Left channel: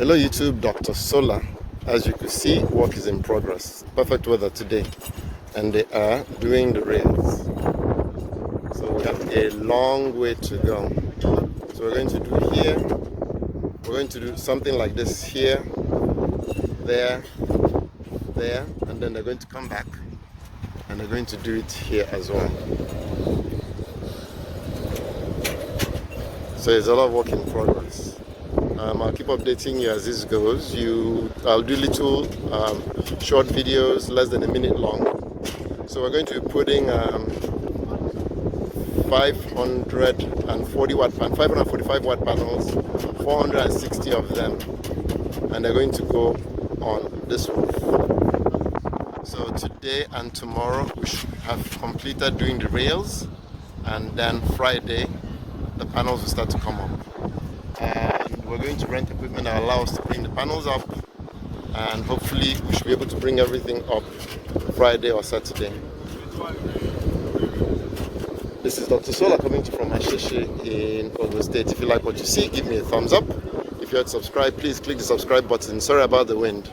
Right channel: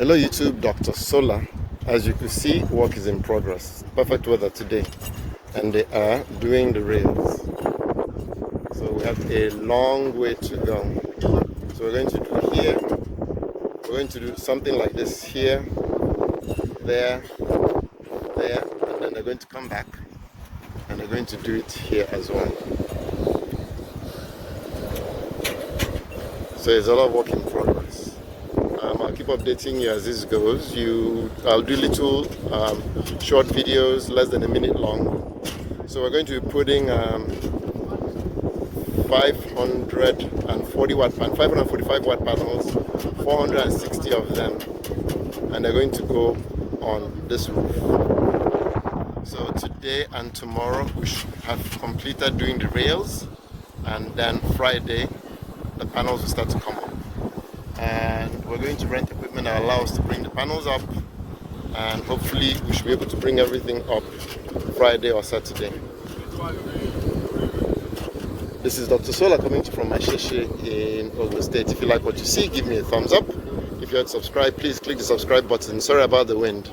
Hello YouTube, Dr. Solar. As you can see, work is in progress. Perfect weather today, and they are doing the rails. So we have a long way to go. So we're going to do here, we're going to do something like this here, there, and then they're going to come back and they're going to do it here as well. So it's a lot of work in progress. I'll keep updating you as this goes. I'll do little short videos, less than a minute long. So we're going to be putting 545 watt panels, 460 of them, and they're going to go on this roof. So today and tomorrow we should have completed doing the rails, and then Friday the panels will start to come up. And we're going to rent equipment that allows us to bring the panels up, and hopefully we should be able to bring everything up Friday or Saturday. This is Dr. Solar coming to you from Asheshe in Ogun State. If you like what you see, give me a thumbs up. If you're not subscribed, please click the subscribe button. Sorry about the wind.